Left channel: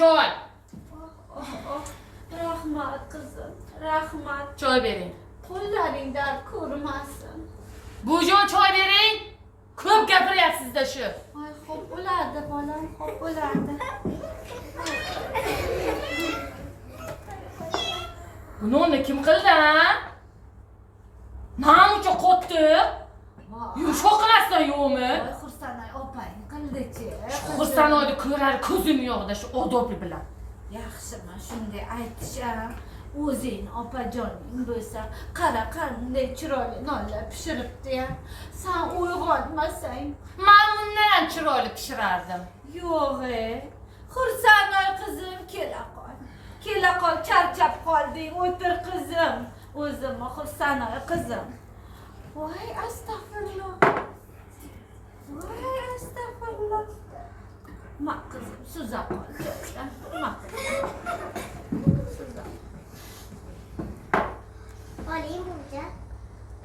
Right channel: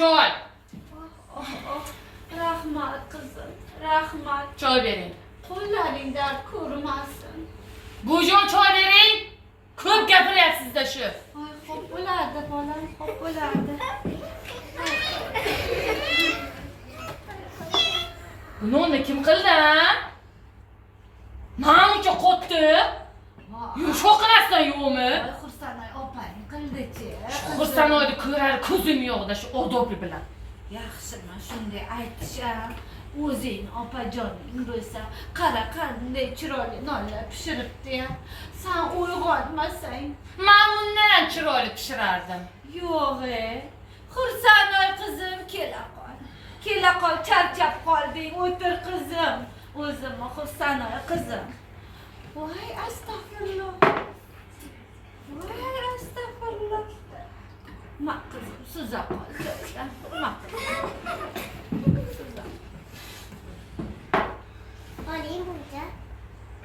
Oh, oh. Rahmat kızım, rahmat. Choy bering. Qo'llaringdan ko'rmasin. Bujon choy bering. Ko'p gapiryapsiz-da shu. Ay, xo'p bo'lardi, bolam, xo'p bo'lardi. Buni unda kim qildi? ha? Namuncha qotdi? Yumshoq qilasizlar qildi-chi. Xursanoyni ko'rar ko'zim yo'qda shu odobli bilan. Yaxshimi shunday aytisham. O'zing opajoning bo'lsa, qara qanday chiroyli nonlar pishiribdi. Sen uyg'onmasang, Men bundan ham chiroyli pishirardim. yo'q e. Xursanoy qizim kela qol. Kela qol, charchab qolding. O'tir qizim. O'zimmi Xursanoy qizim. Voy, astag'firulloh. Voy. Ma suza qol. joyidan. Ma qizim. Suza. Olayım burada.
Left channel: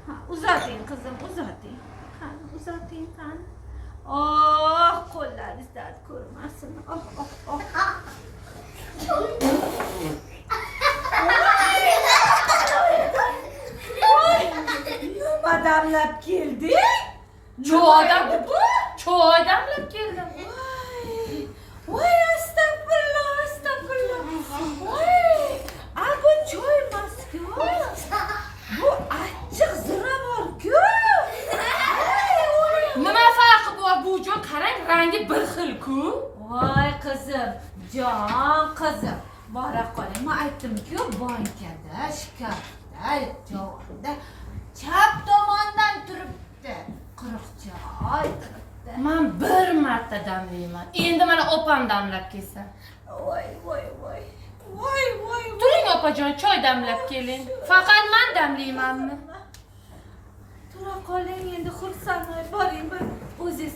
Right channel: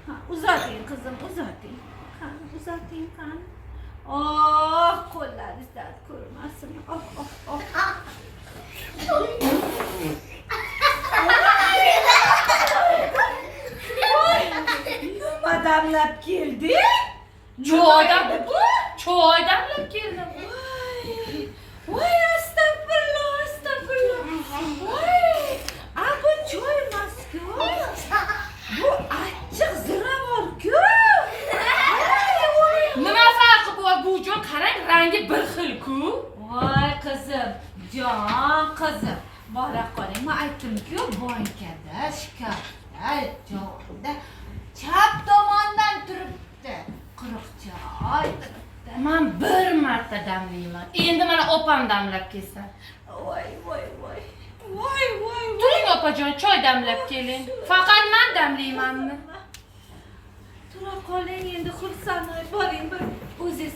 Ha, uzating qizim, uzating. Qani, uzating qani. Oh, qo'llaringiz dard ko'rmasin. Oh, oh, oh. Nima damlab keldi? Choydan bu? choy damlab keldim. Voy, voy astag'firulloh, astag'firulloh. Voy, a bu choy emas-ku. Bu achchiq ziravor-ku. Voy, voy. Nima farqi bor rangi bir xil-ku. Voy qizim, jon qizim. Bora qoling, men aytdim-ku, bankada, shkafda, jonda chap tomondan turibdi. Quruq choy turibdi. Men bir marta damlayman. Endi mana opam damlab kelsin. Voy, voy, voy. Voy, voy. Turing opajon, choy damlab keling. Faqat men damlaymanmi? Tura qoling endi xursand boring bir o'zingiz